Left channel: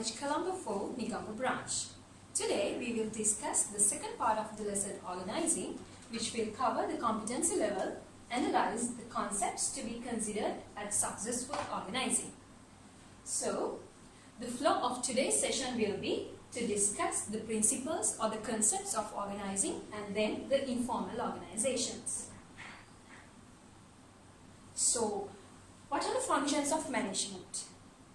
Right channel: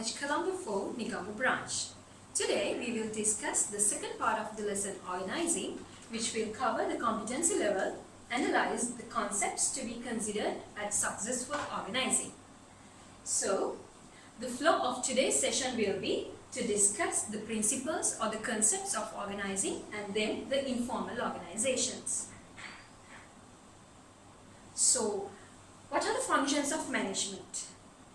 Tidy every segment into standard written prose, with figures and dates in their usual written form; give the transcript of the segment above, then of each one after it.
College Colombo 4, Negombo branch. Today we will discuss the second part of the lesson organizing, which will cover the competency level, analyze the concepts to be considered at successful organizing. So, the flow of today's session will be to discuss the principles or the concepts of organizing and then the informal organizations. So, what are the functions of management?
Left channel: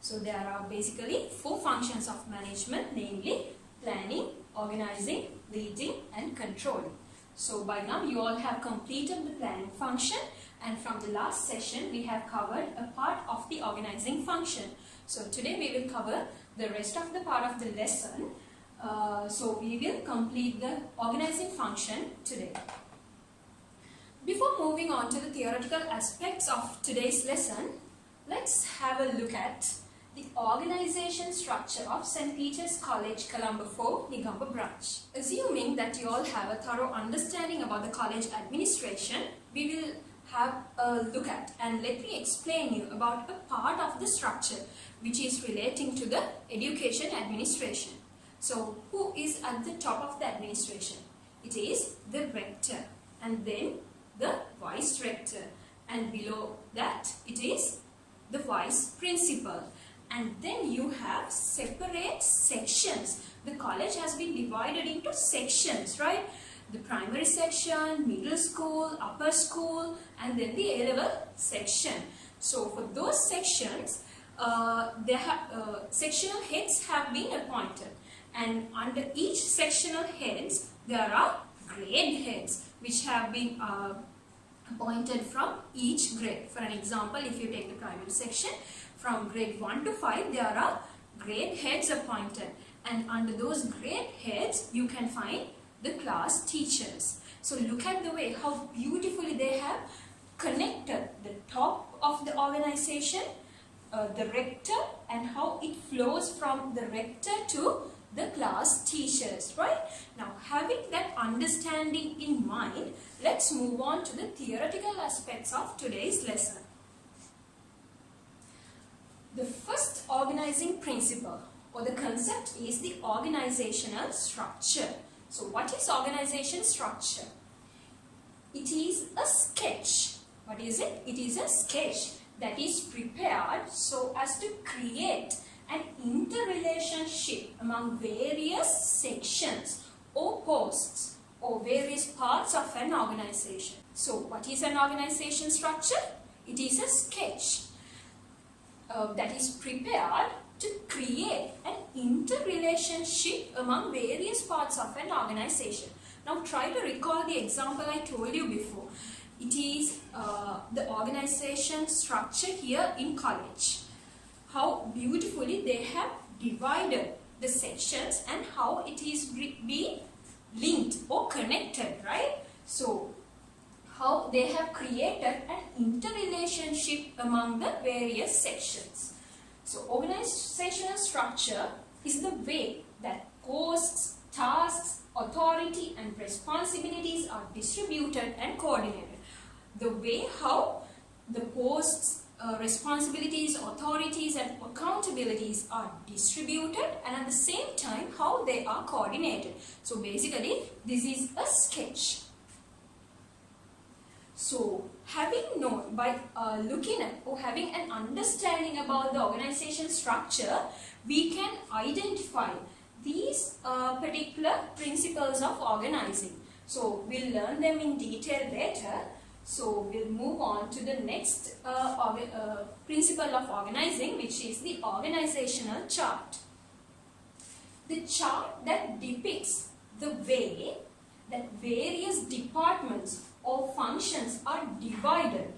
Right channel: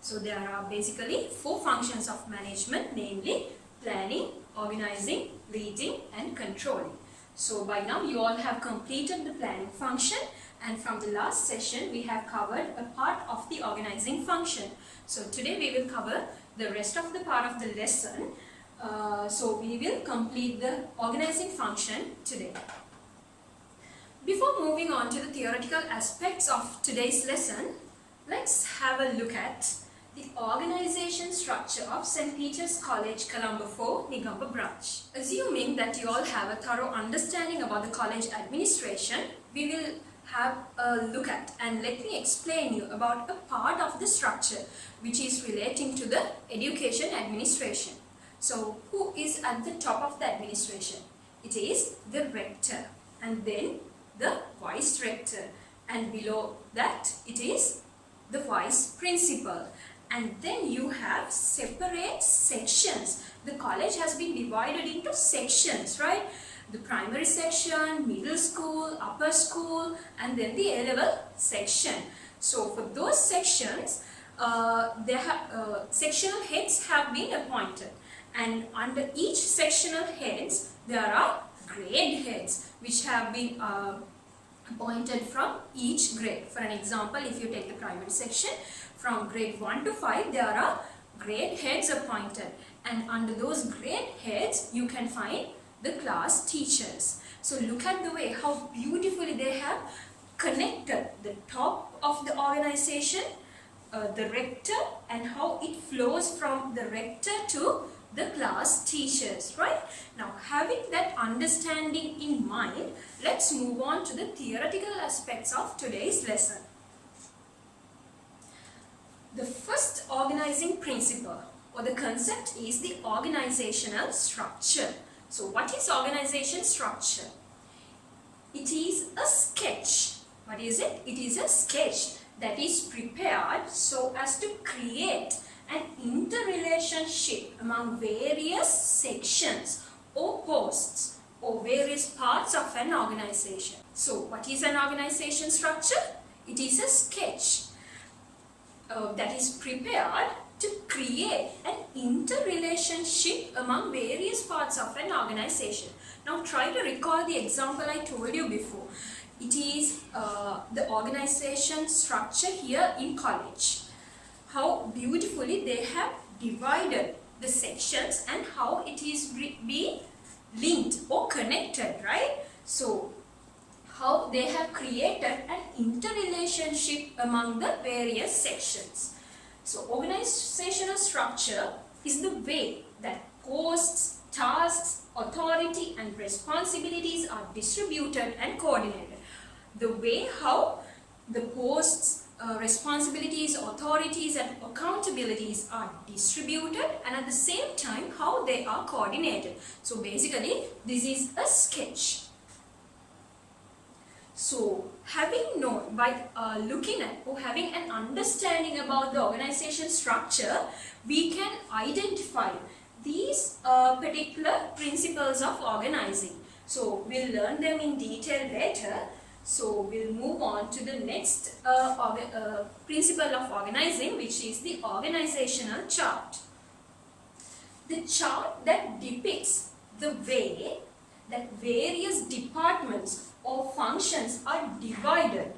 So, there are basically 4 functions of management, namely planning, organizing, leading and controlling. So, by now you all have completed the planning function, and from the last session we have covered a part of the organizing function. So, today we will cover the rest of the part of the lesson. So, we will complete the organizing function today. Before moving on to the theoretical aspects of today's lesson, let's have a look at the organization structure of St. Peter's College, Colombo 4, Negombo branch. Assuming that you all have a thorough understanding about the college administration, we will have a look at and let me explain you about a part of the structure which is relating to the education administration. So, who is at the top of the administration? It is the rector, and then the vice rector, and below that it is the vice principal, and then you have separate sections. The college has been divided into sections, right? The primary section, middle school, upper school, and then the A-level section. So for those sections, sectional heads have been appointed, and under each sectional heads there are grade heads which have been appointed from each grade. For an example, if you take the primary section, from grade 1 to 5 there are grade heads appointed, and under those grade heads you can find the class teachers. So look at the way how beautifully they have connected the top of the organization, the rector, and how it flows from the rector to the class teachers, right? Now, having that understanding in mind, let's move on to the theoretical aspects of today's lesson. The first organizing principle or the concept is the organizational structure. So, what is organization structure? It is a sketch. What is it? It is a sketch that is prepared so as to create an interrelationship among various sections or posts or various parts of an organization. So, what is an organization structure? It is a sketch that is prepared to create an interrelationship among various parts of an organization. Now, try to recall the example I told you before. It is the organization structure here in college. How beautifully they have divided the sections and how it is being linked or connected, right? So, how they have created an interrelationship among the various sections. So, organizational structure is the way that posts, tasks, authority and responsibilities are distributed and coordinated. The way how the posts, responsibilities, authorities and accountabilities are distributed, and at the same time how they are coordinated. So basically this is a sketch. So having known, by looking at or having an understanding about the organization structure, we can identify these particular principles of organizing. So we'll learn them in detail later. So we'll move on to the next principle of organizing, which is the organizational chart. The chart that depicts the way that various departments or functions are divided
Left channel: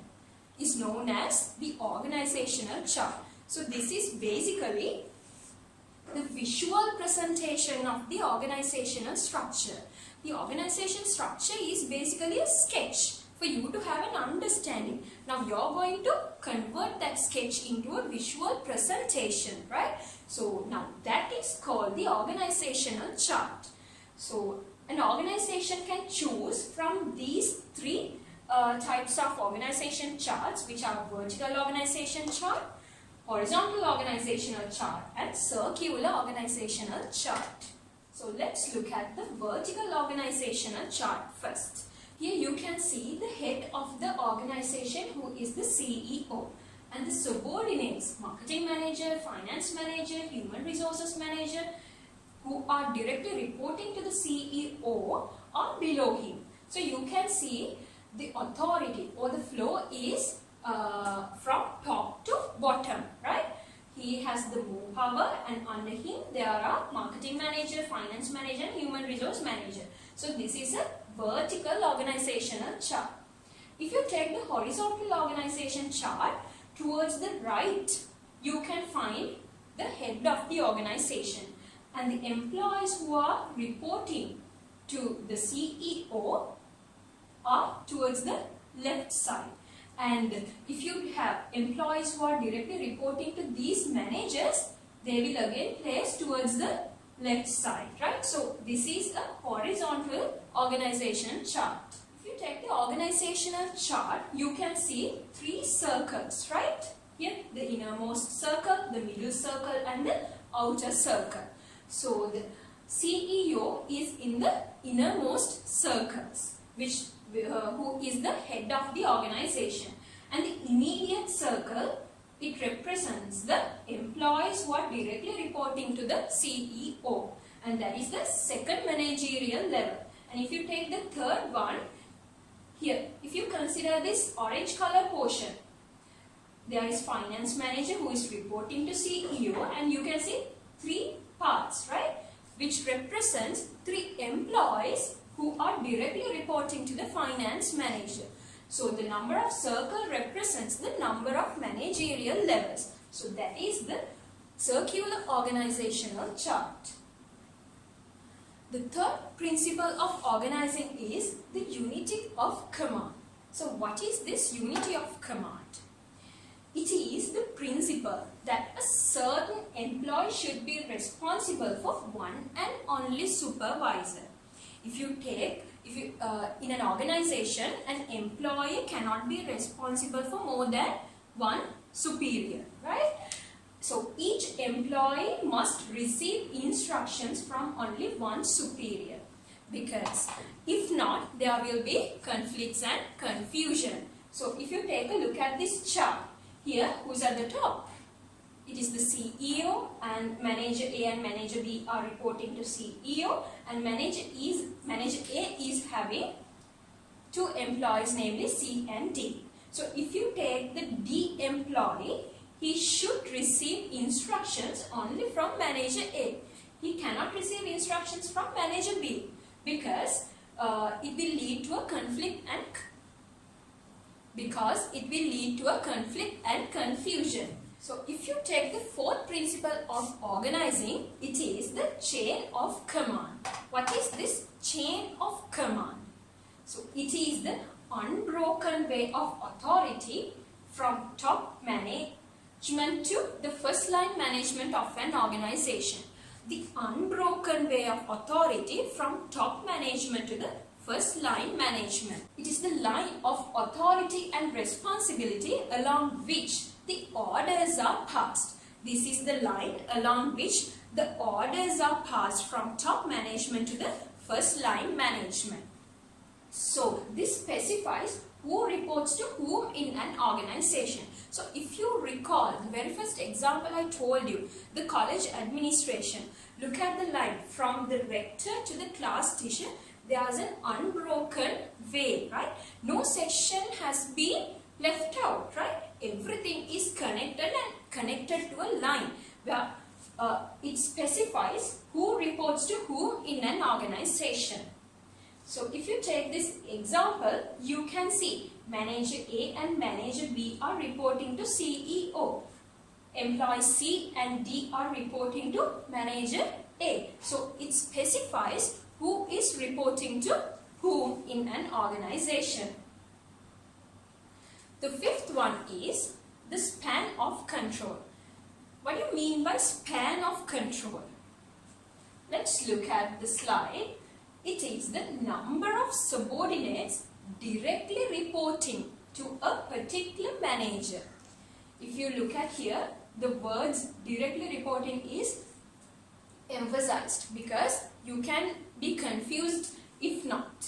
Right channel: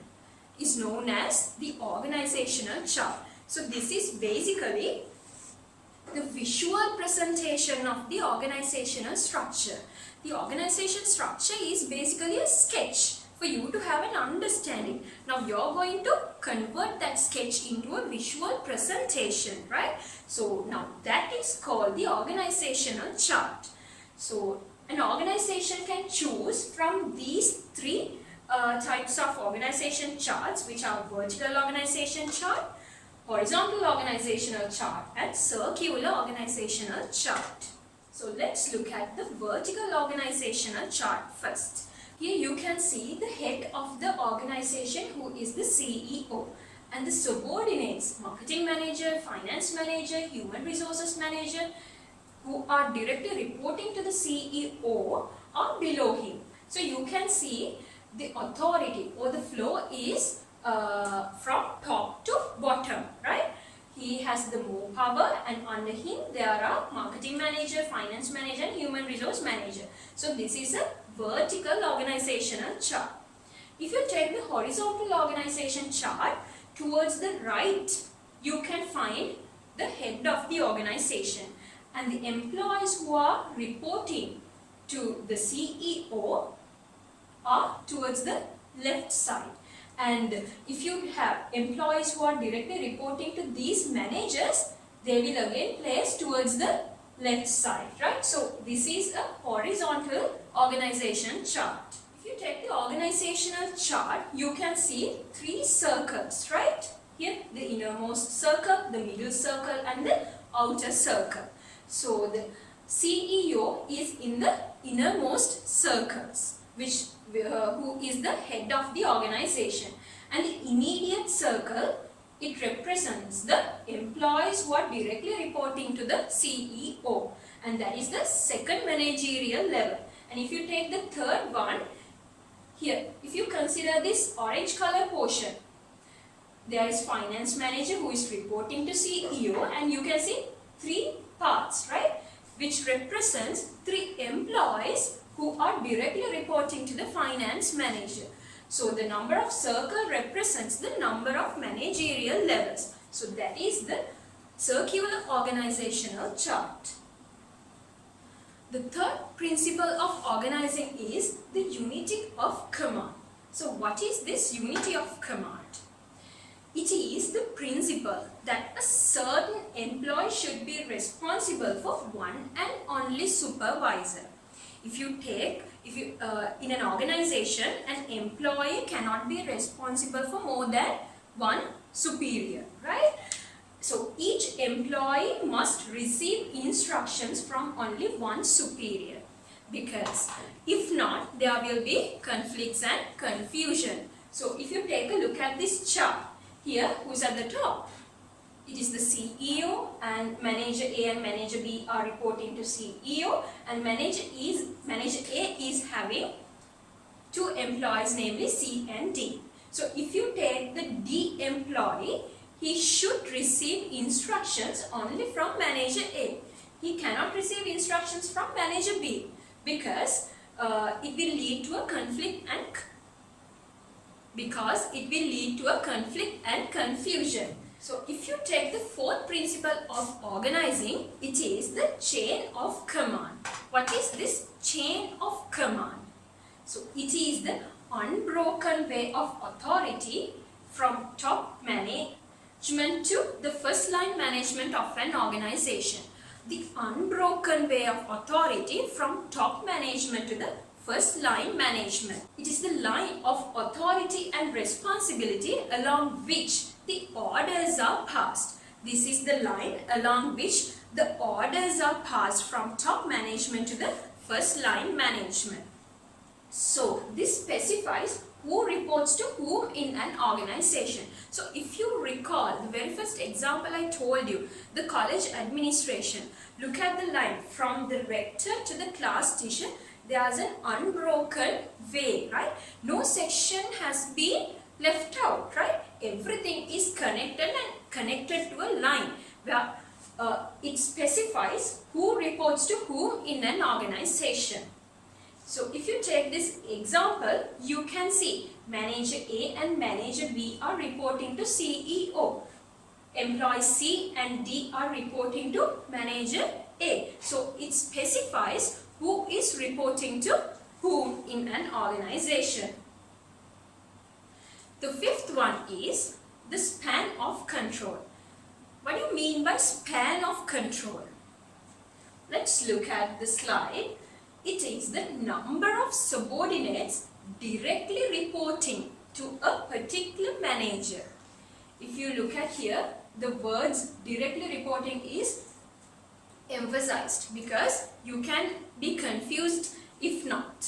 is known as the organizational chart. So this is basically the visual presentation of the organizational structure. The organization structure is basically a sketch for you to have an understanding. Now you're going to convert that sketch into a visual presentation, right? So now that is called the organizational chart. So an organization can choose from these 3 types of organization charts, which are vertical organization chart, horizontal organizational chart and circular organizational chart. So let's look at the vertical organizational chart first. Here you can see the head of the organization, who is the CEO, and the subordinates, marketing manager, finance manager, human resources manager, who are directly reporting to the CEO, are below him. So you can see the authority or the flow is from top to bottom, right? He has the more power, and under him there are marketing manager, finance manager and human resource manager. So this is a vertical organizational chart. If you take the horizontal organization chart, towards the right you can find the head of the organization, and the employees who are reporting to the CEO are towards the left side. And if you have employees who are directly reporting to these managers, they will again place towards the left side, right? So this is a horizontal organization chart. If you take the organizational chart, you can see 3 circles, right? Here the innermost circle, the middle circle and the outer circle. So the CEO is in the innermost circles, who is the head of the organization, and the immediate circle, it represents the employees who are directly reporting to the CEO, and that is the second managerial level. And if you take the third one, here if you consider this orange color portion, there is finance manager who is reporting to CEO, and you can see 3 parts, right, which represents 3 employees who are directly reporting to the finance manager. So the number of circle represents the number of managerial levels. So that is the circular organizational chart. The third principle of organizing is the unity of command. So what is this unity of command? It is the principle that a certain employee should be responsible for one and only supervisor. In an organization, an employee cannot be responsible for more than one superior, right? So each employee must receive instructions from only one superior, because if not, there will be conflicts and confusion. So if you take a look at this chart, here who is at the top? It is the CEO, and manager A and manager B are reporting to CEO, and manager A is having 2 employees, namely C and D. So if you take the D employee, he should receive instructions only from manager A. He cannot receive instructions from manager B, because it will lead to a conflict and confusion. So if you take the 4th principle of organizing, it is the chain of command. What is this chain of command? So it is the unbroken way of authority from top management to the first line management of an organization. The unbroken way of authority from top management to the first line management. It is the line of authority and responsibility along which the orders are passed. This is the line along which the orders are passed from top management to the first line management. So this specifies who reports to whom in an organization. So if you recall the very first example I told you, the college administration, look at the line from the rector to the class teacher. There is an unbroken way, right? No section has been left out, right? Everything is connected to a line where it specifies who reports to whom in an organization. So if you take this example, you can see manager A and manager B are reporting to CEO. Employees C and D are reporting to manager A. So it specifies who is reporting to whom in an organization. The 5th one is the span of control. What do you mean by span of control? Let's look at the slide. It is the number of subordinates directly reporting to a particular manager. If you look at here, the words directly reporting is emphasized because you can be confused if not.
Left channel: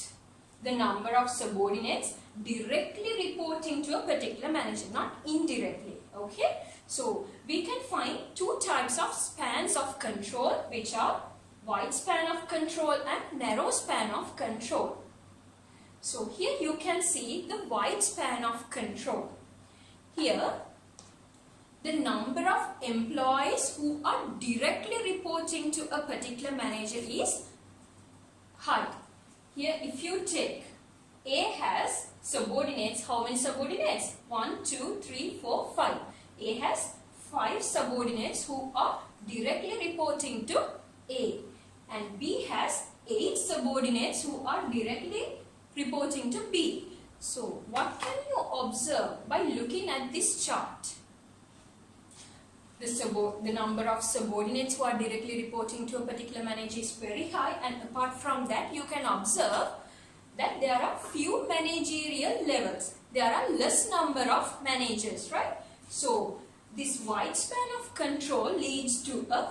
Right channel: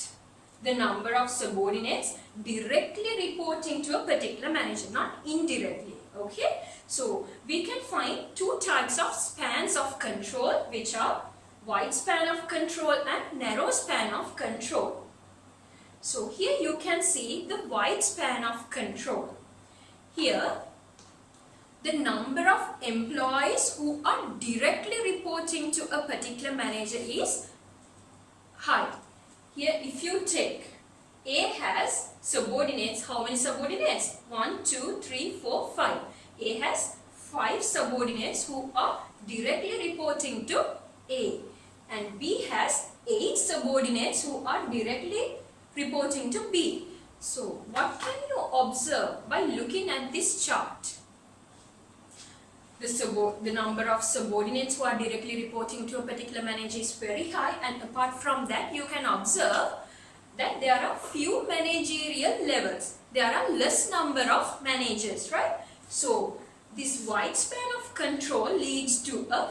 The number of subordinates directly reporting to a particular manager, not indirectly. Okay, so we can find two types of spans of control, which are wide span of control and narrow span of control. So here you can see the wide span of control. Here the number of employees who are directly reporting to a particular manager is high. Here if you take A has subordinates, how many subordinates? 1, 2, 3, 4, 5. A has 5 subordinates who are directly reporting to A, and B has 8 subordinates who are directly reporting to B. So what can you observe by looking at this chart? The number of subordinates who are directly reporting to a particular manager is very high, and apart from that you can observe that there are few managerial levels. There are less number of managers, right? So this wide span of control leads to a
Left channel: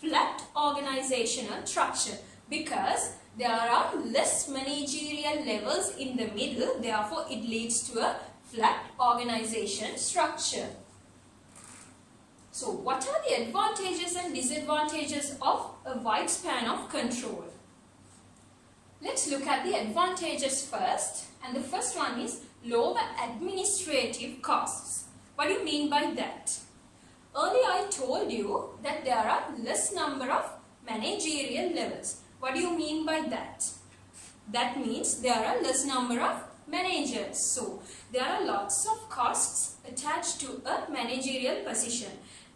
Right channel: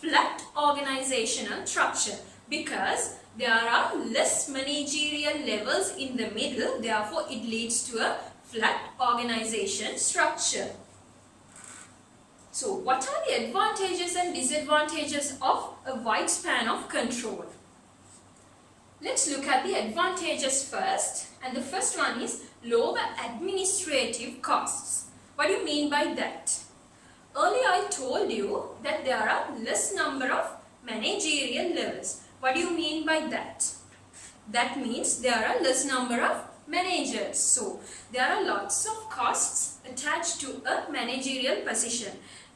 flat organizational structure because there are less managerial levels in the middle, therefore it leads to a flat organization structure. So what are the advantages and disadvantages of a wide span of control? Let's look at the advantages first, and the first one is lower administrative costs. What do you mean by that? Earlier I told you that there are less number of managerial levels. What do you mean by that? That means there are less number of managers. So there are lots of costs attached to a managerial position.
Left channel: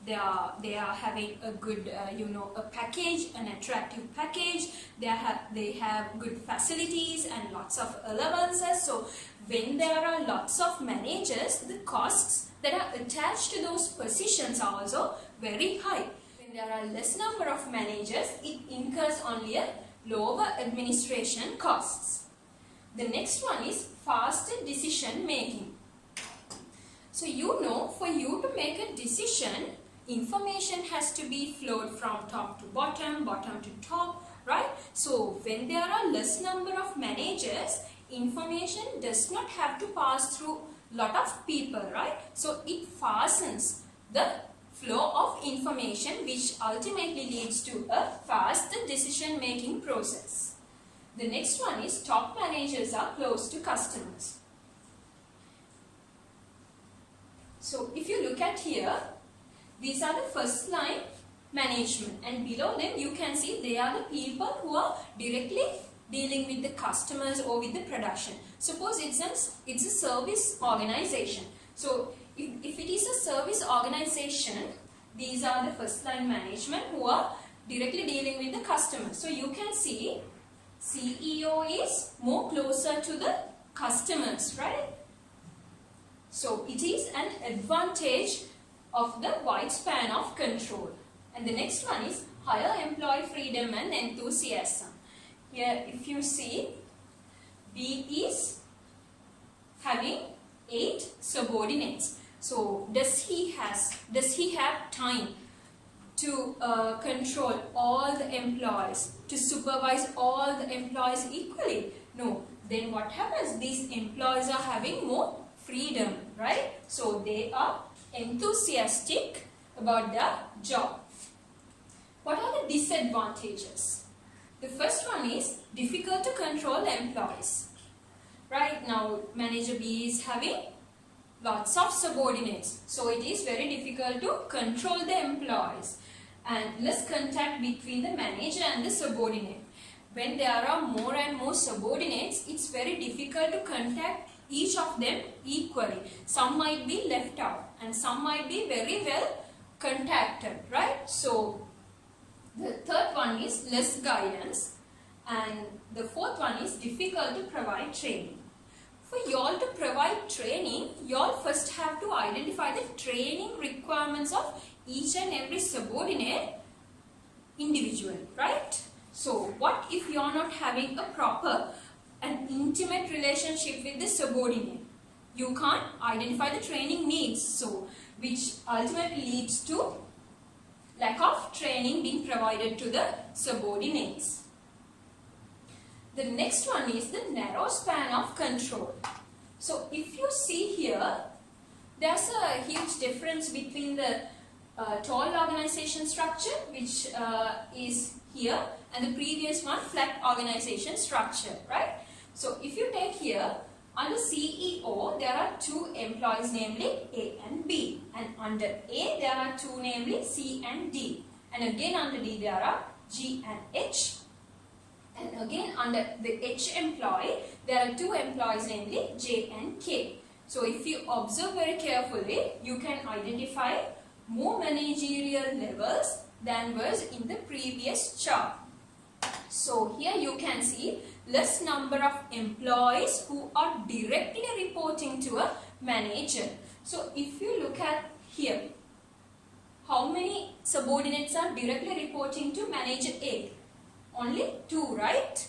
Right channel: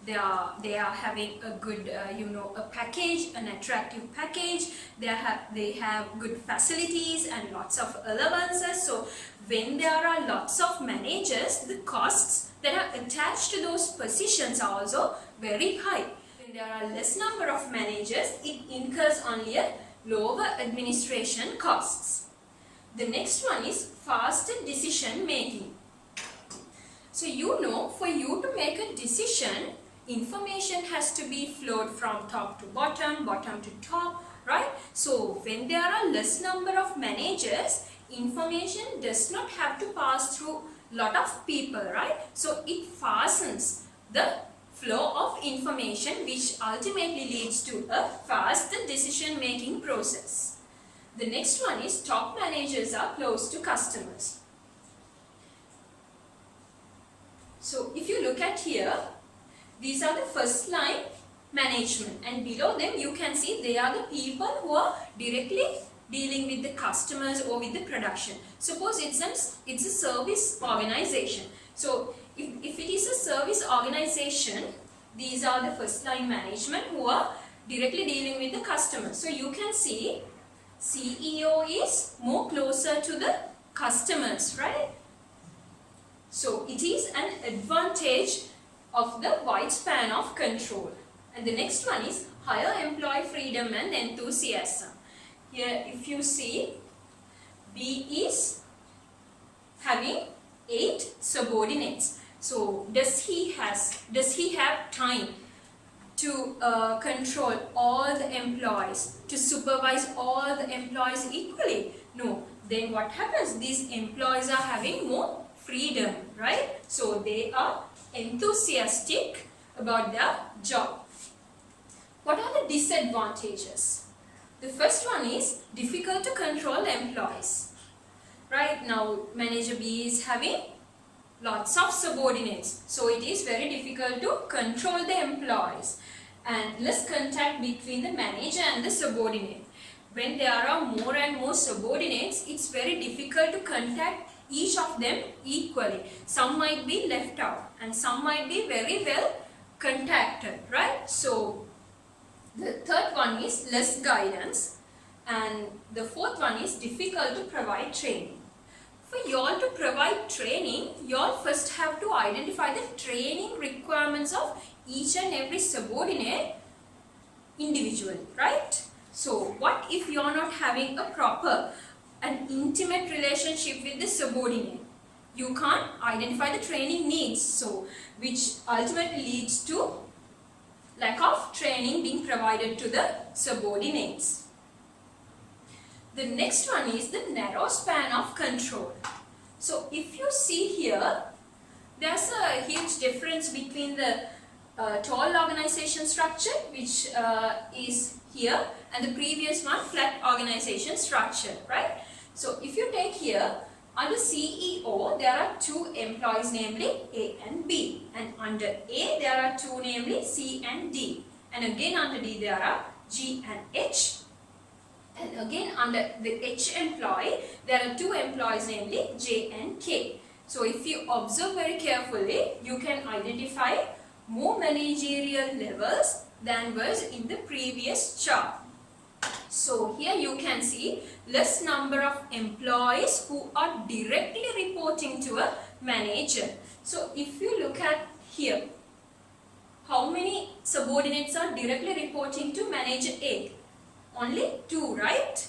They are having a good a package, an attractive package. They have good facilities and lots of allowances. So when there are lots of managers, the costs that are attached to those positions are also very high. When there are less number of managers, it incurs only a lower administration costs. The next one is faster decision making. So for you to make a decision, information has to be flowed from top to bottom, bottom to top, right? So when there are less number of managers, information does not have to pass through lot of people, right? So it fastens the flow of information, which ultimately leads to a faster decision making process. The next one is top managers are close to customers. So if you look at here, these are the first line management, and below them you can see they are the people who are directly dealing with the customers or with the production. Suppose it's a service organization. So if it is a service organization, these are the first line management who are directly dealing with the customers. So you can see CEO is more closer to the customers, right? So it is an advantage of the wide span of control. And the next one is higher employee freedom and enthusiasm. Here if you see, B is having 8 subordinates. So does he have time to control all the employees, to supervise all the employees equally? No. Then what happens? These employees are having more freedom, right? So they are enthusiastic about their job. What are the disadvantages? The first one is difficult to control employees. Right now manager B is having lots of subordinates, so it is very difficult to control the employees, and less contact between the manager and the subordinate. When there are more and more subordinates, it's very difficult to contact each of them equally. Some might be left out and some might be very well contacted, right? So the third one is less guidance, and the fourth one is difficult to provide training. For you all to provide training, you all first have to identify the training requirements of each and every subordinate individually, right? So what if you are not having a proper and intimate relationship with the subordinate? you can't identify the training needs, so which ultimately leads to lack of training being provided to the subordinates. The next one is the narrow span of control. So if you see here, there's a huge difference between the tall organization structure, which is here, and the previous one, flat organization structure, right? So if you take here, under CEO, there are two employees, namely A and B. And under A, there are two, namely C and D. And again under D, there are G and H. And again under the H employee, there are two employees, namely J and K. So if you observe very carefully, you can identify more managerial levels than was in the previous chart. So here you can see less number of employees who are directly reporting to a manager. So if you look at here, how many subordinates are directly reporting to manager A? Only 2, right?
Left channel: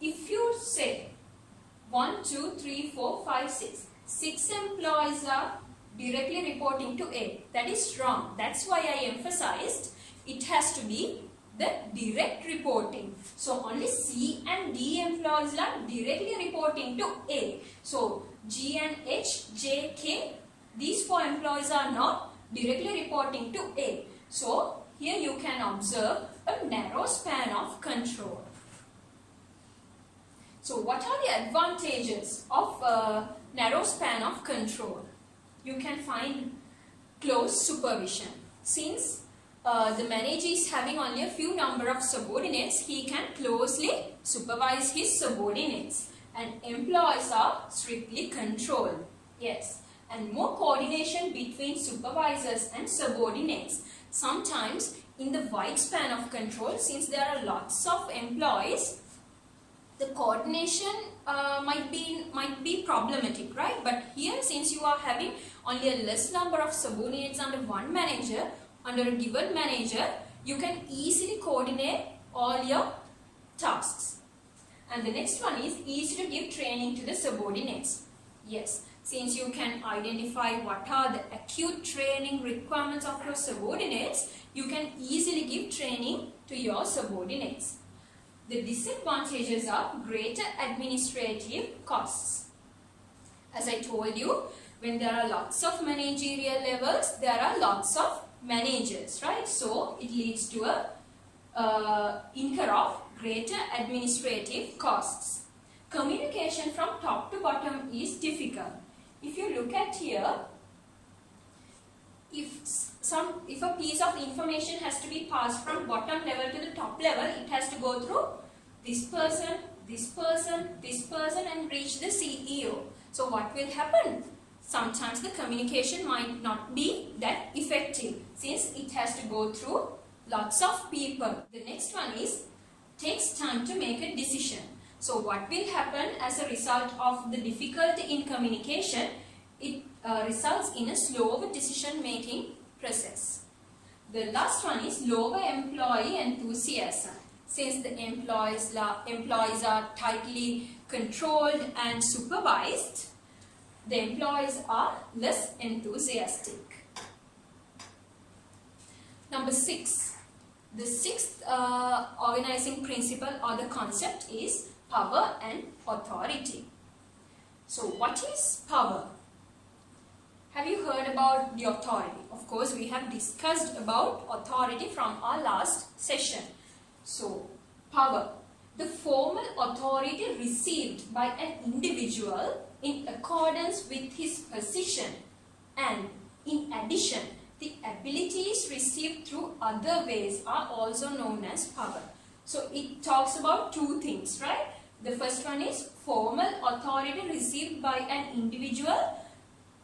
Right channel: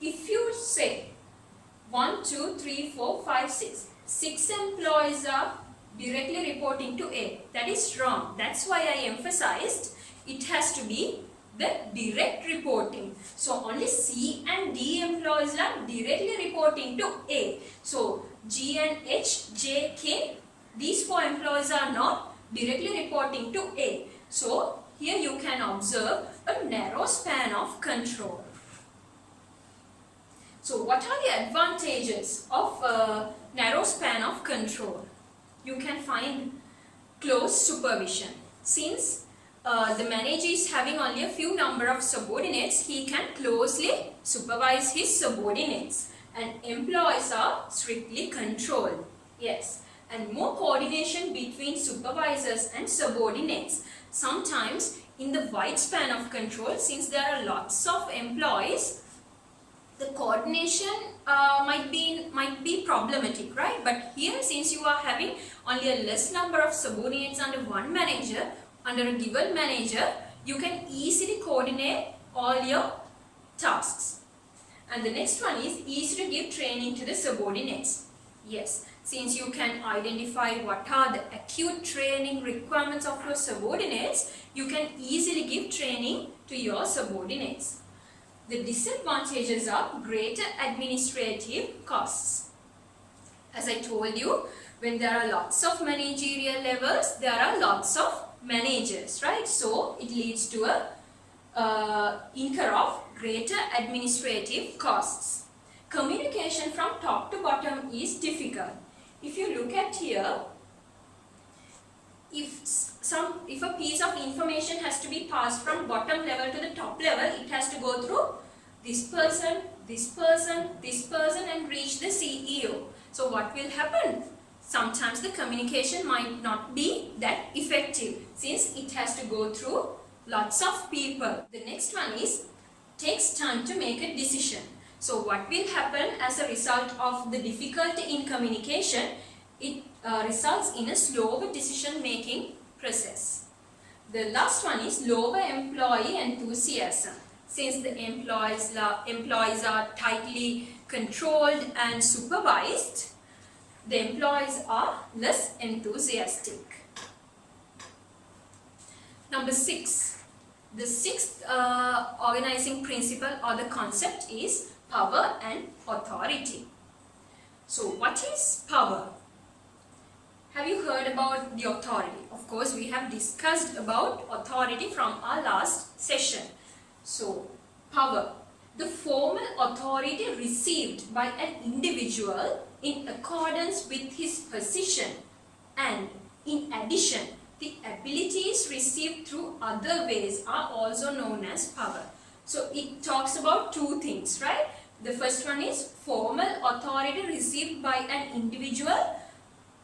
If you say 1, 2, 3, 4, 5, 6, 6 employees are directly reporting to A. That is wrong. That's why I emphasized it has to be the direct reporting. So only C and D employees are directly reporting to A. So G and H, J, K, these 4 employees are not directly reporting to A. So here you can observe a narrow span of control. So what are the advantages of a narrow span of control? You can find close supervision. Since the manager is having only a few number of subordinates, he can closely supervise his subordinates, and employees are strictly controlled. Yes, and more coordination between supervisors and subordinates. Sometimes in the wide span of control, since there are lots of employees, the coordination might be problematic, right? But here, since you are having only a less number of subordinates under one manager, under a given manager, you can easily coordinate all your tasks. And the next one is easy to give training to the subordinates. Yes, since you can identify what are the acute training requirements of your subordinates, you can easily give training to your subordinates. The disadvantages are greater administrative costs. As I told you, when there are lots of managerial levels, there are lots of managers, right? So it leads to a incur of greater administrative costs. Communication from top to bottom is difficult. If you look at here, if a piece of information has to be passed from bottom level to the top level, it has to go through this person, this person, this person, and reach the CEO. So what will happen? Sometimes the communication might not be that effective, since it has to go through lots of people. The next one is takes time to make a decision. So what will happen as a result of the difficulty in communication? It results in a slower decision making process. The last one is lower employee enthusiasm. Since the employees are tightly controlled and supervised, the employees are less enthusiastic. Number 6. The sixth organizing principle or the concept is power and authority. So what is power? Have you heard about the authority? Of course, we have discussed about authority from our last session. So, power. The formal authority received by an individual in accordance with his position, and in addition, the abilities received through other ways are also known as power. So, it talks about two things, right? The first one is formal authority received by an individual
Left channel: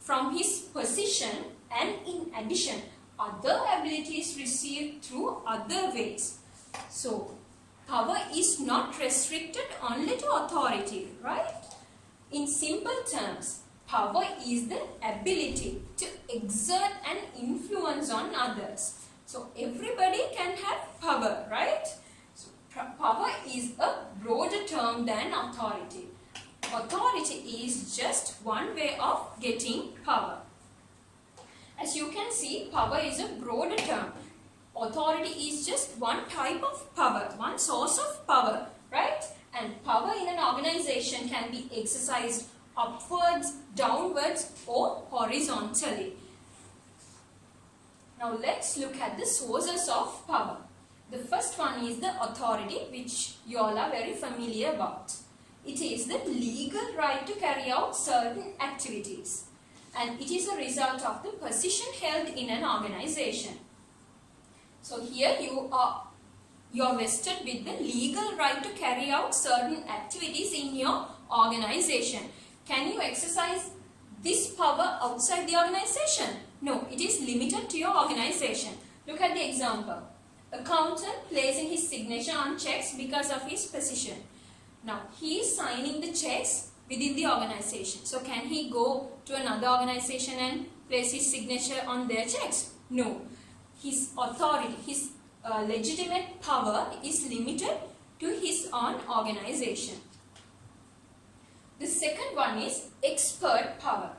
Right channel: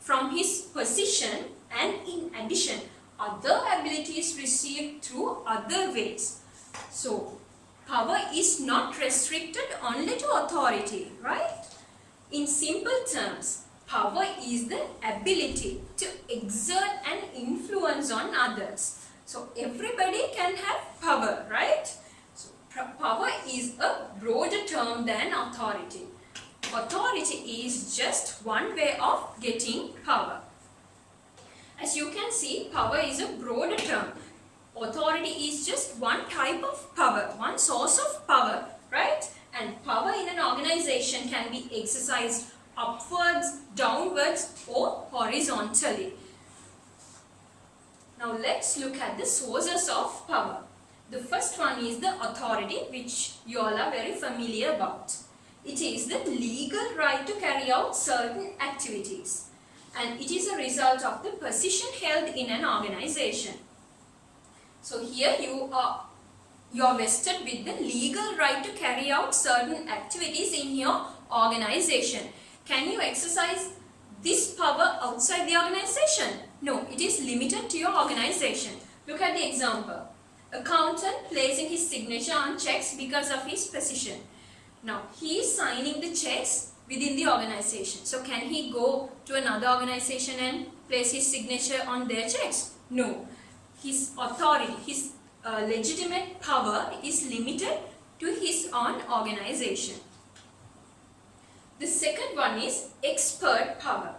from his position, and in addition, other abilities received through other ways. So, power is not restricted only to authority, right? In simple terms, power is the ability to exert an influence on others. So, everybody can have power, right? So, power is a broader term than authority. authority is just one way of getting power. As you can see, power is a broader term. Authority is just one type of power, one source of power, right? And power in an organization can be exercised upwards, downwards, or horizontally. Now let's look at the sources of power. The first one is the authority, which you all are very familiar about. It is the legal right to carry out certain activities, and it is a result of the position held in an organization. So here you are vested with the legal right to carry out certain activities in your organization. Can you exercise this power outside the organization? No, it is limited to your organization. Look at the example. Accountant placing his signature on checks because of his position. Now, he is signing the checks within the organization. So, can he go to another organization and place his signature on their checks? No. His authority, his legitimate power is limited to his own organization. The second one is expert power.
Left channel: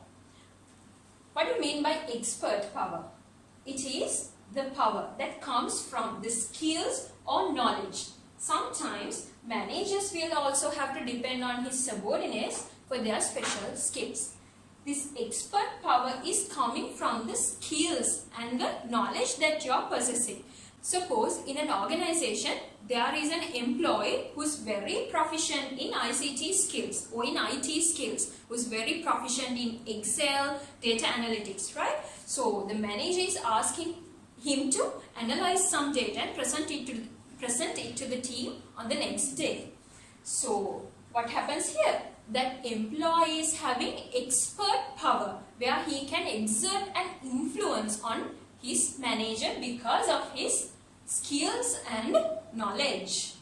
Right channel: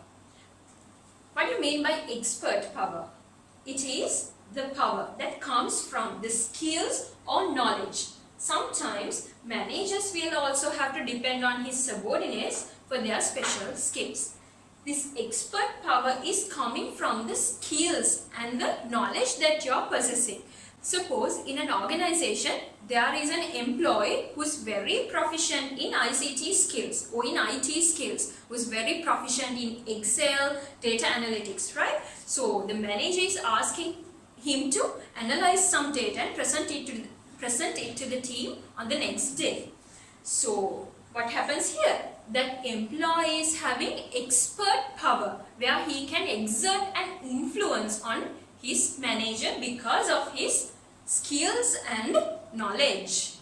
What do you mean by expert power? It is the power that comes from the skills or knowledge. Sometimes managers will also have to depend on his subordinates for their special skills. This expert power is coming from the skills and the knowledge that you are possessing. Suppose in an organization there is an employee who is very proficient in ICT skills or in IT skills, who is very proficient in Excel, data analytics, right? So the manager is asking him to analyze some data and present it to the team on the next day. So what happens here? That employee is having expert power where he can exert an influence on his manager because of his skills and knowledge.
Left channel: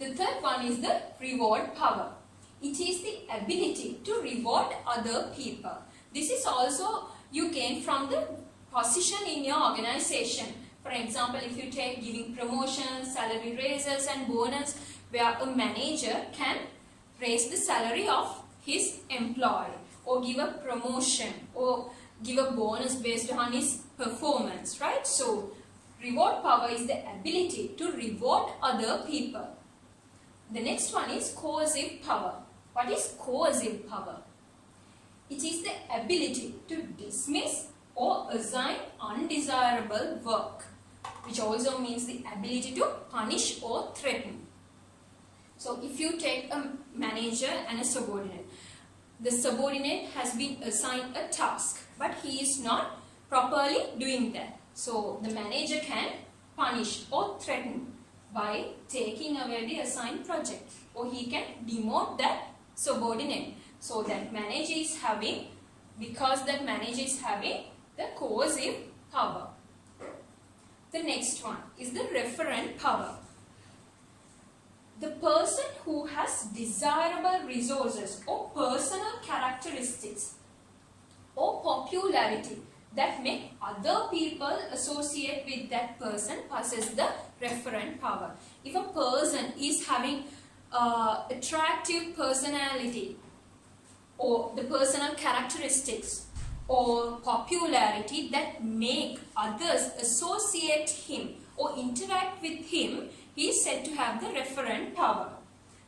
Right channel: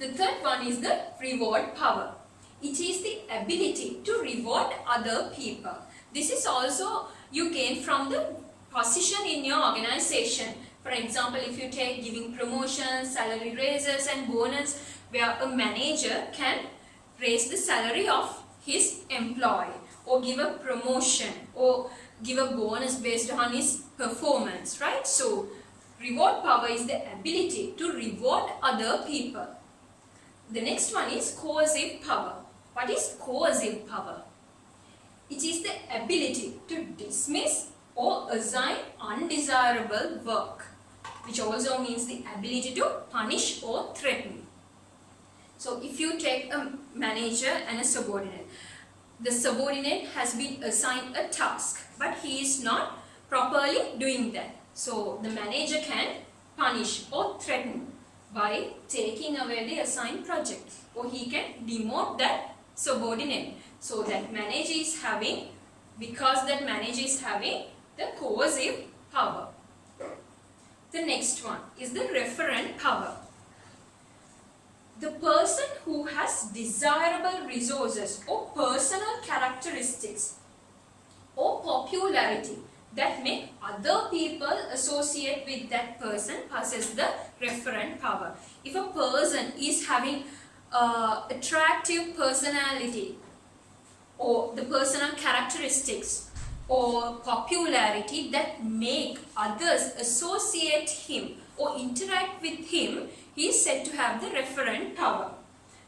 The third one is the reward power. It is the ability to reward other people. This is also you gain from the position in your organization. For example, if you take giving promotions, salary raises and bonus, where a manager can raise the salary of his employee or give a promotion or give a bonus based on his performance, right? So reward power is the ability to reward other people. The next one is coercive power. What is coercive power? It is the ability to dismiss or assign undesirable work, which also means the ability to punish or threaten. So if you take a manager and a subordinate, the subordinate has been assigned a task, but he is not properly doing that. So the manager can punish or threaten by taking away the assigned project, or he can demote that subordinate. So that manager is having, because that manager is having the coercive power. The next one is the referent power. The person who has desirable resources or personal characteristics or popularity that make other people associate with that person possess the referent power. If a person is having attractive personality or the personal characteristics or popularity that make others associate him or interact with him, he is said to have the referent power.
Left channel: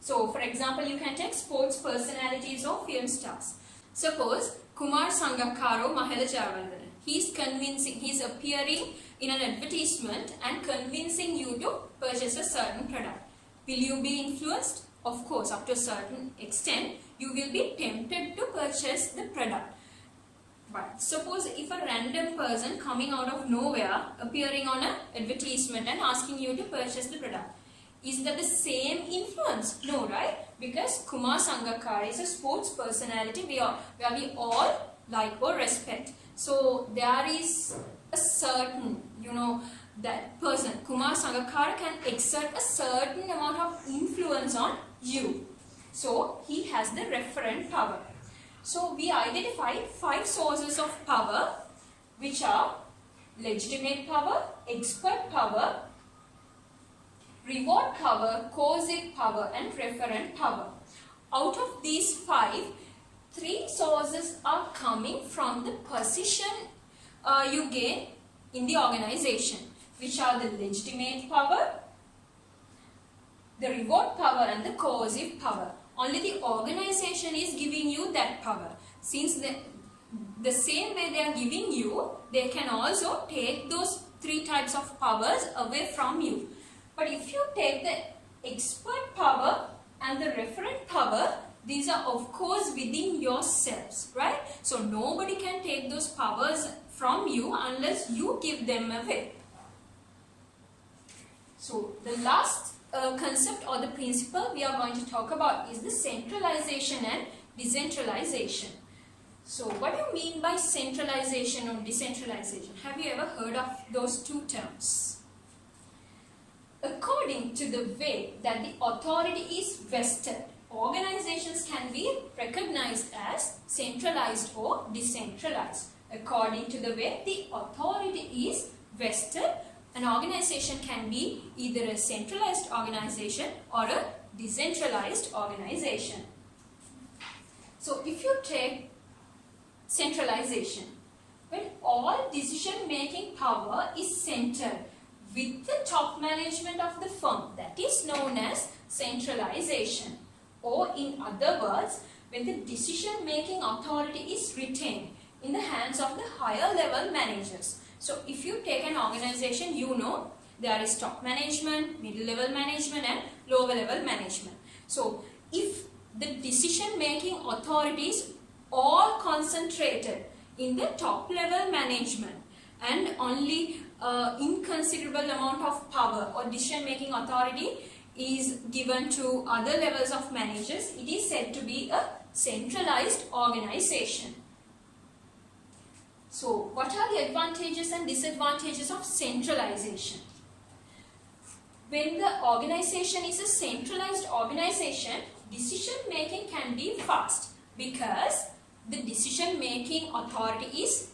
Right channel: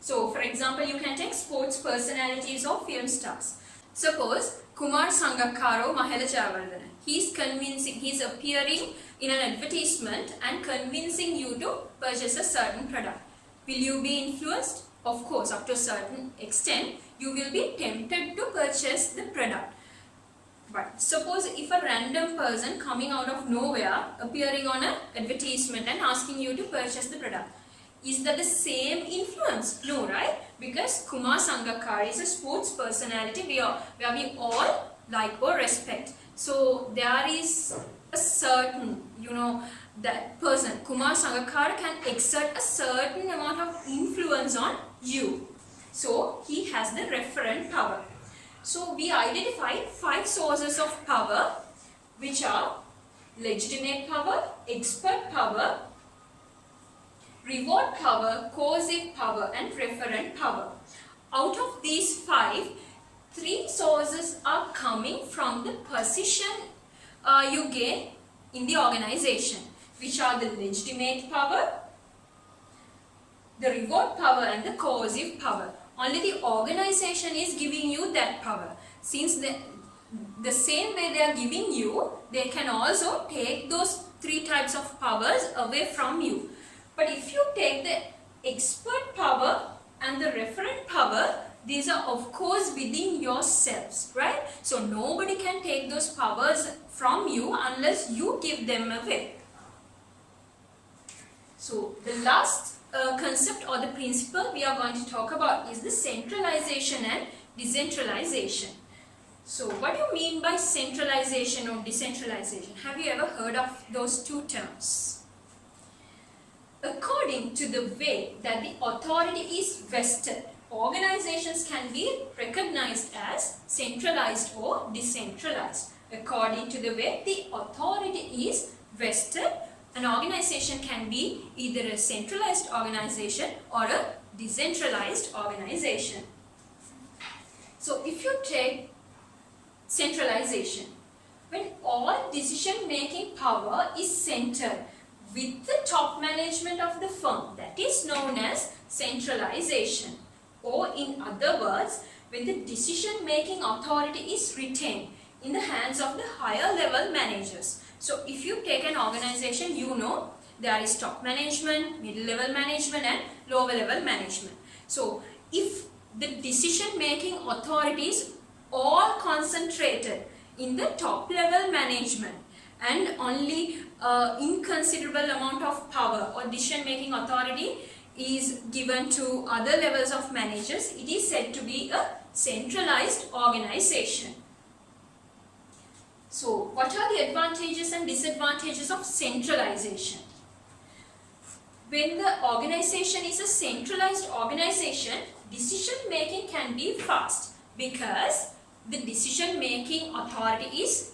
So, for example, you can take sports personalities or film stars. Suppose Kumar Sangakkara Mahela Jayawardena. He is convincing, he is appearing in an advertisement and convincing you to purchase a certain product. Will you be influenced? Of course, up to a certain extent, you will be tempted to purchase the product. But suppose if a random person coming out of nowhere appearing on an advertisement and asking you to purchase the product, is that the same influence? No, right? Because Kumar Sangakkara is a sports personality where we all like or respect. So there is a certain, that person, Kumar Sangakkara, can exert a certain amount of influence on you. So he has the referent power. So we identified 5 sources of power, which are legitimate power, expert power, reward power, coercive power and referent power. out of these 5, 3 sources are coming from the position you gain in the organization, which are the legitimate power, the reward power and the coercive power. Only the organization is giving you that power. Since the same way they are giving you, they can also take those 3 types of powers away from you. But if you take the expert power and the referent power, these are of course within yourselves, right? So nobody can take those powers from you unless you give them away. So the last concept or the principle we are going to talk about is the centralization and decentralization. So what do you mean by centralization or decentralization? Have you ever heard of those 2 terms? According to the way that the authority is vested, organizations can be recognized as centralized or decentralized. According to the way the authority is vested, an organization can be either a centralized organization or a decentralized organization. So if you take centralization, when all decision-making power is centered with the top management of the firm, that is known as centralization. Or in other words, when the decision-making authority is retained in the hands of the higher level managers. So if you take an organization, you know there is top management, middle level management and lower level management. So if the decision-making authority is all concentrated in the top level management and only inconsiderable amount of power or decision-making authority is given to other levels of managers, it is said to be a centralized organization. So what are the advantages and disadvantages of centralization? When the organization is a centralized organization, decision making can be fast because the decision making authority is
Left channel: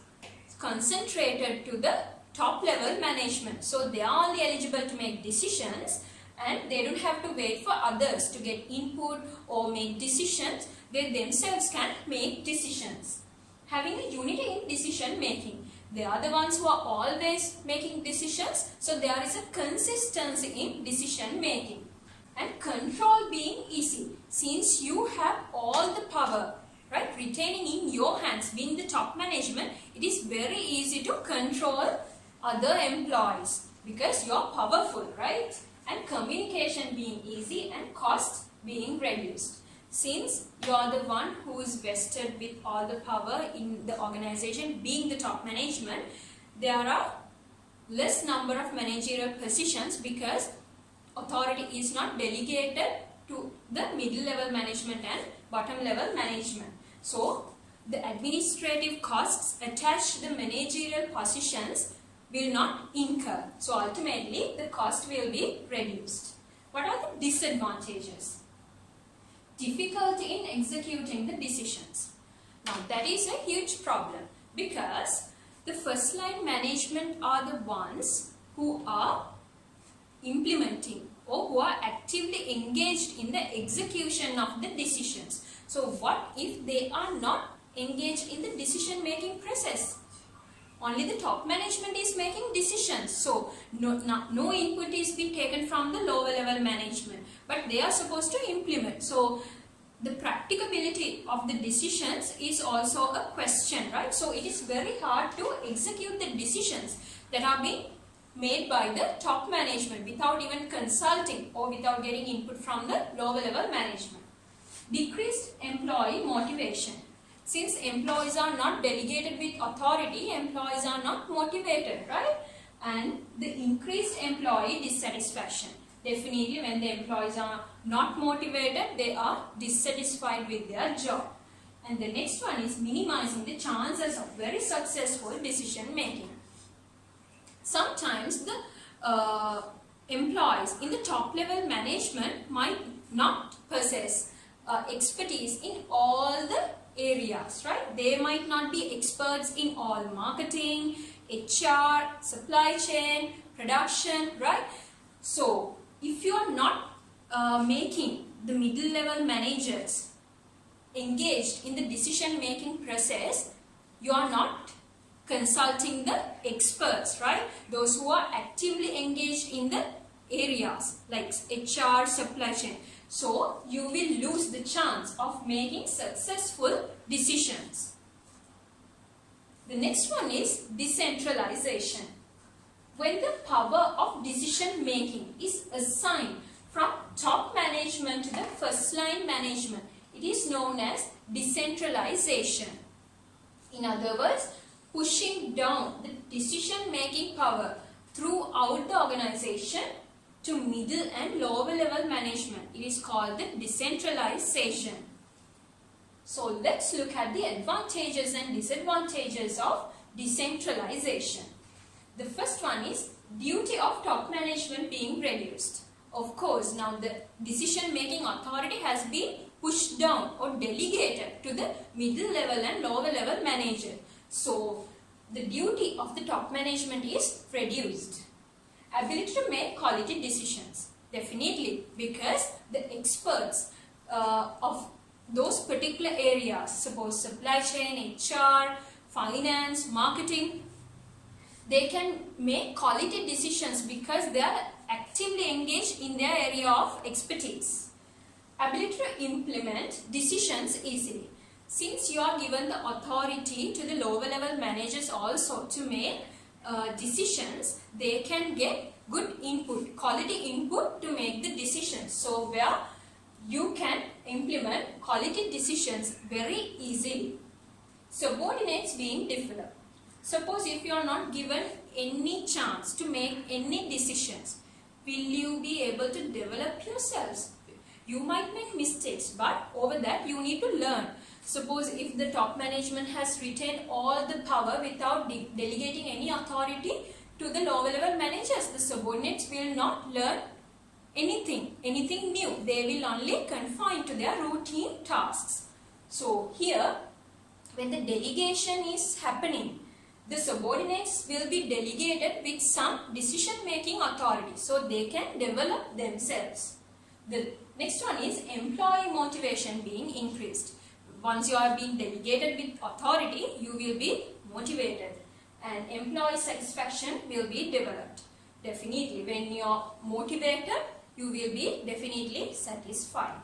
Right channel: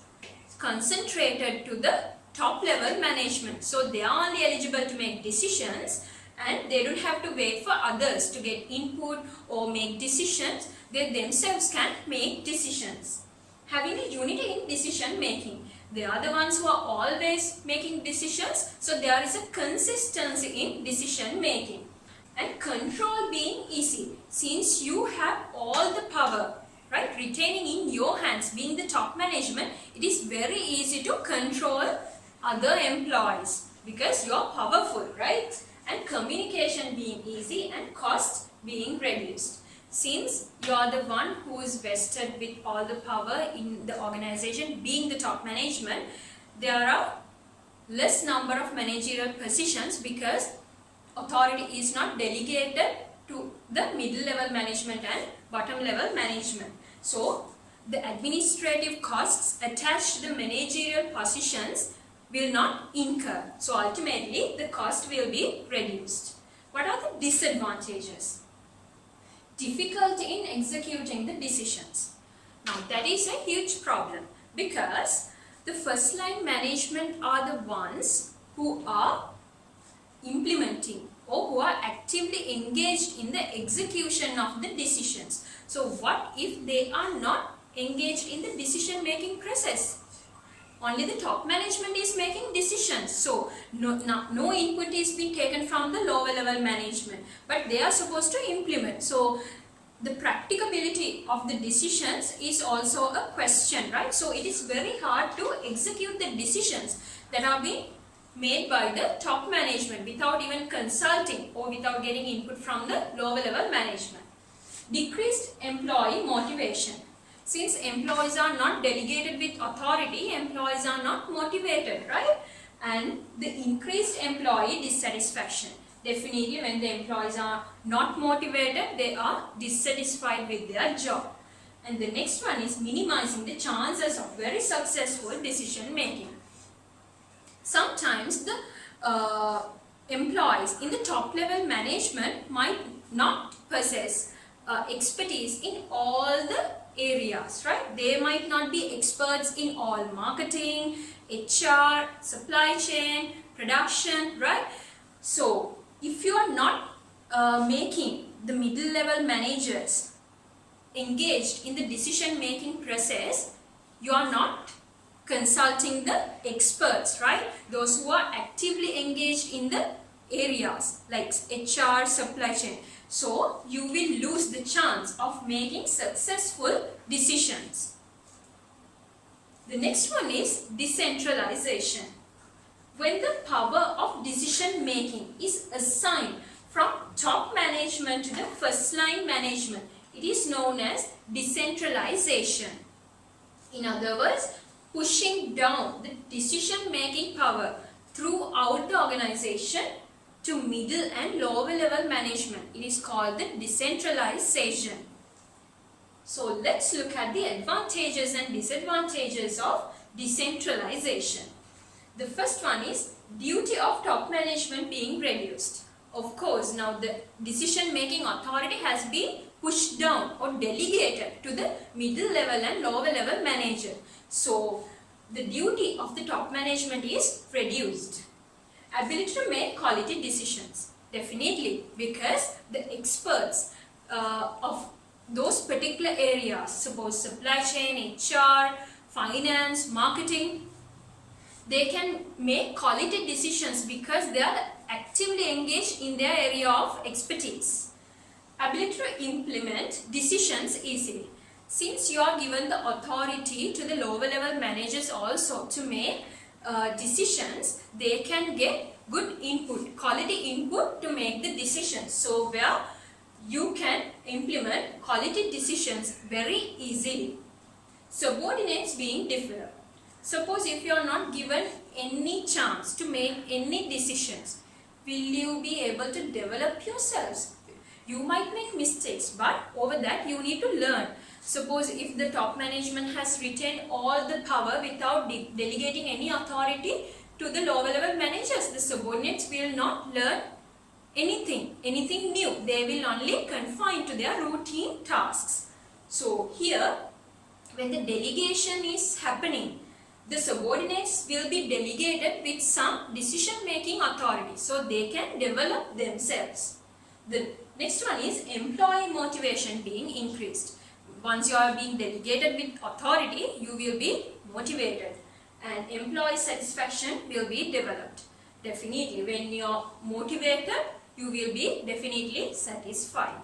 concentrated to the top level management. So they are only eligible to make decisions and they don't have to wait for others to get input or make decisions. They themselves can make decisions. Having a unity in decision making. They are the ones who are always making decisions. So there is a consistency in decision making. And control being easy. Since you have all the power, right, retaining in your hands, being the top management, it is very easy to control other employees because you are powerful, right? And communication being easy and cost being reduced. Since you are the one who is vested with all the power in the organization, being the top management, there are less number of managerial positions because authority is not delegated to the middle level management and bottom level management. So the administrative costs attached to the managerial positions will not incur. So ultimately the cost will be reduced. What are the disadvantages? Difficulty in executing the decisions. Now that is a huge problem because the first line management are the ones who are implementing or who are actively engaged in the execution of the decisions. So what if they are not engaged in the decision making process? Only the top management is making decisions. So no input is being taken from the lower level management, but they are supposed to implement. So the practicability of the decisions is also a question, right? So it is very hard to execute the decisions that are being made by the top management without even consulting or without getting input from the lower level management. Decreased employee motivation. Since employees are not delegated with authority, employees are not motivated, right? And the increased employee dissatisfaction. Definitely when the employees are not motivated, they are dissatisfied with their job. And the next one is minimizing the chances of very successful decision making. Sometimes the employees in the top level management might not possess expertise in all the areas, right? They might not be experts in all marketing, HR, supply chain, production, right? So if you are not making the middle level managers engaged in the decision making process, you are not consulting the experts, right? Those who are actively engaged in the areas like HR, supply chain. So you will lose the chance of making successful decisions. The next one is decentralization. When the power of decision making is assigned from top management to the first line management, it is known as decentralization. In other words, pushing down the decision making power throughout the organization to middle and lower level management. It is called the decentralization. So let's look at the advantages and disadvantages of decentralization. The first one is duty of top management being reduced. Of course, now the decision making authority has been pushed down or delegated to the middle level and lower level manager. So the duty of the top management is reduced. Ability to make quality decisions. Definitely, because the experts of those particular areas, suppose supply chain, HR, finance, marketing, they can make quality decisions because they are actively engaged in their area of expertise. Ability to implement decisions easily. Since you are given the authority to the lower level managers also to make decisions, they can get good input, quality input to make the decisions. So where you can implement quality decisions very easily. Subordinates being developed. Suppose if you are not given any chance to make any decisions, will you be able to develop yourselves? You might make mistakes, but over that you need to learn. Suppose if the top management has retained all the power without delegating any authority to the lower level managers, the subordinates will not learn anything new. They will only confine to their routine tasks. So here, when the delegation is happening, the subordinates will be delegated with some decision making authority, so they can develop themselves. The next one is employee motivation being increased. Once you are being delegated with authority, you will be motivated and employee satisfaction will be developed. Definitely, when you are motivated, you will be definitely satisfied.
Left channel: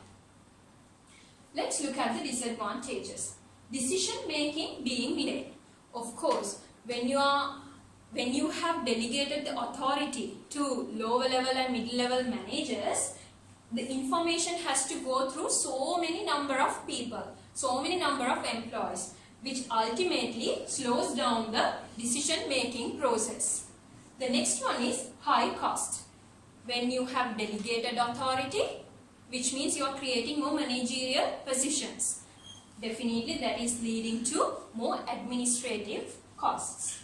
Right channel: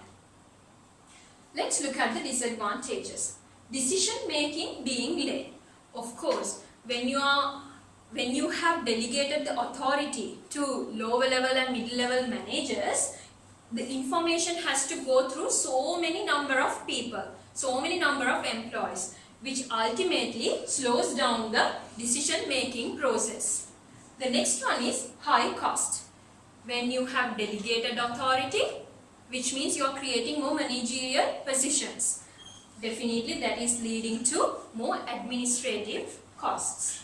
Let's look at the disadvantages. Decision making being late. Of course, when you have delegated the authority to lower level and middle level managers, the information has to go through so many number of people, so many number of employees, which ultimately slows down the decision making process. The next one is high cost. When you have delegated authority, which means you are creating more managerial positions. Definitely that is leading to more administrative costs.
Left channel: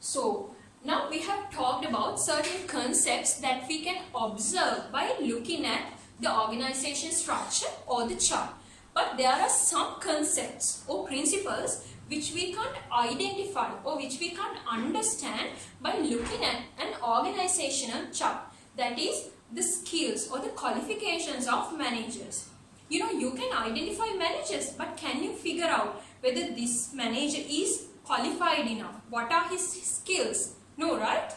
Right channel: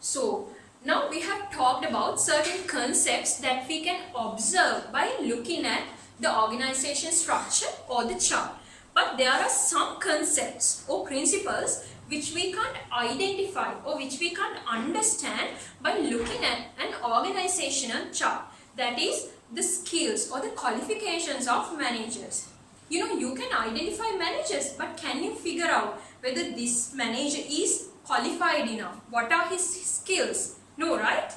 So now we have talked about certain concepts that we can observe by looking at the organization structure or the chart. But there are some concepts or principles which we can't identify or which we can't understand by looking at an organizational chart. That is the skills or the qualifications of managers. You can identify managers, but can you figure out whether this manager is qualified enough? What are his skills? No, right?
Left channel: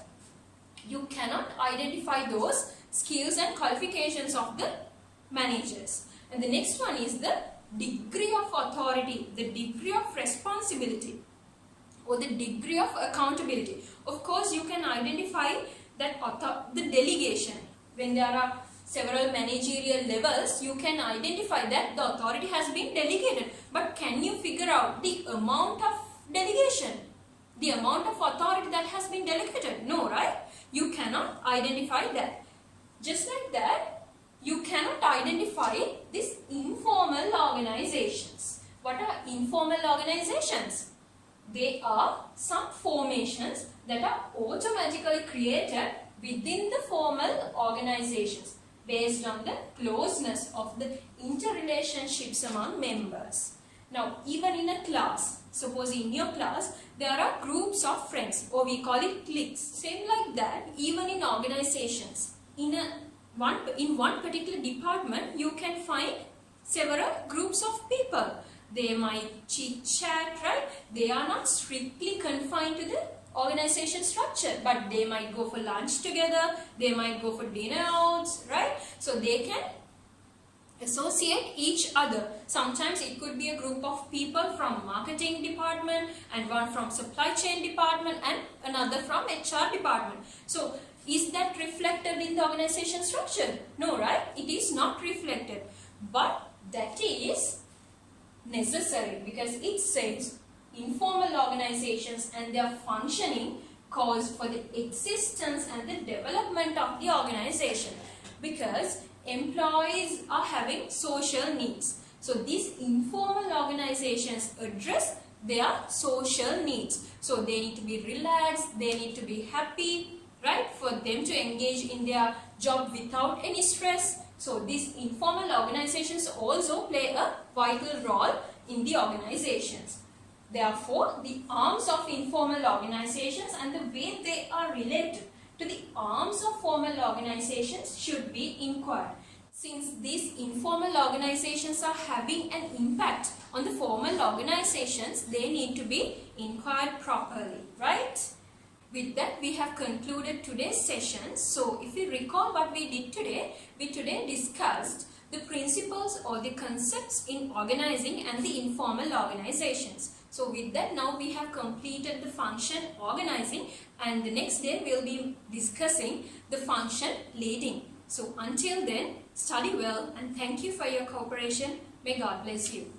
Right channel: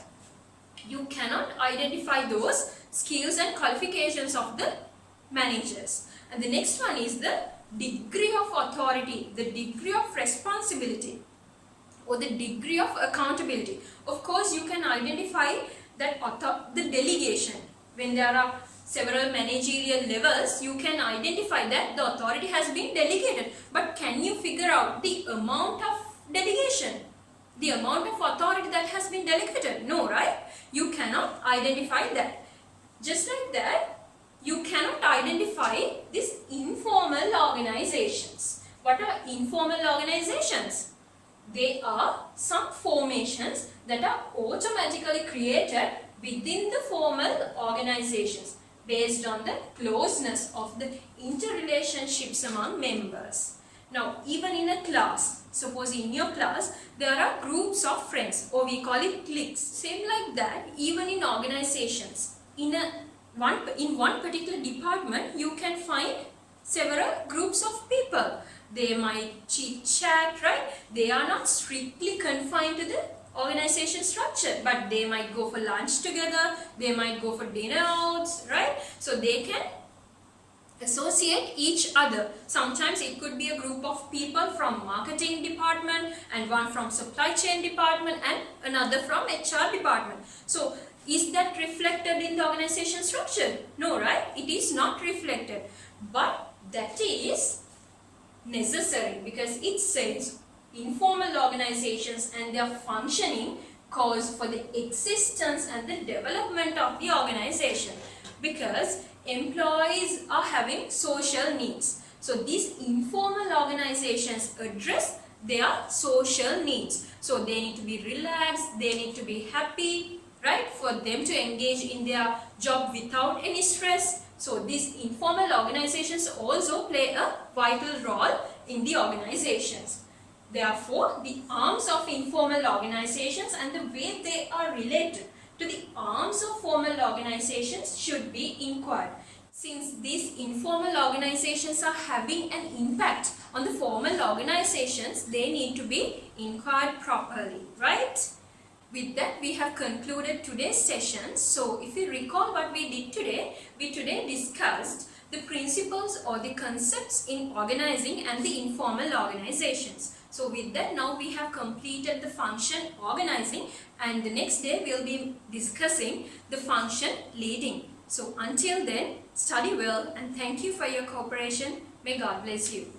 You cannot identify those skills and qualifications of the managers. And the next one is the degree of authority, the degree of responsibility, or the degree of accountability. Of course, you can identify that the delegation. When there are several managerial levels, you can identify that the authority has been delegated. But can you figure out the amount of delegation, the amount of authority that has been delegated? No, right? You cannot identify that. Just like that, you cannot identify these informal organizations. What are informal organizations? They are some formations that are automatically created within the formal organizations based on the closeness of the interrelationships among members. Now, even in a class, suppose in your class, there are groups of friends, or we call it cliques. Same like that, even in organizations, in one particular department you can find several groups of people. They might chit chat, right? They are not strictly confined to the organization structure, but they might go for lunch together, they might go for dinner outs, right? So they can associate each other. Sometimes it could be a group of people from marketing department, and one from supply chain department, and another from HR department. So is that reflected in the organization structure? No, right? It is not reflected, but that is necessary, because it says informal organizations and their functioning cause for the existence and the development of the organization, because employees are having social needs. So these informal organizations address their social needs. So they need to be relaxed, they need to be happy, right, for them to engage in their job without any stress. So these informal organizations also play a vital role in the organizations. Therefore, the arms of informal organizations and the way they are related to the arms of formal organizations should be inquired. Since these informal organizations are having an impact on the formal organizations, they need to be inquired properly, right? With that, we have concluded today's session. So if you recall what we did today, we today discussed the principles or the concepts in organizing and the informal organizations. So with that, now we have completed the function organizing, and the next day we will be discussing the function leading. So until then, study well, and thank you for your cooperation. May God bless you.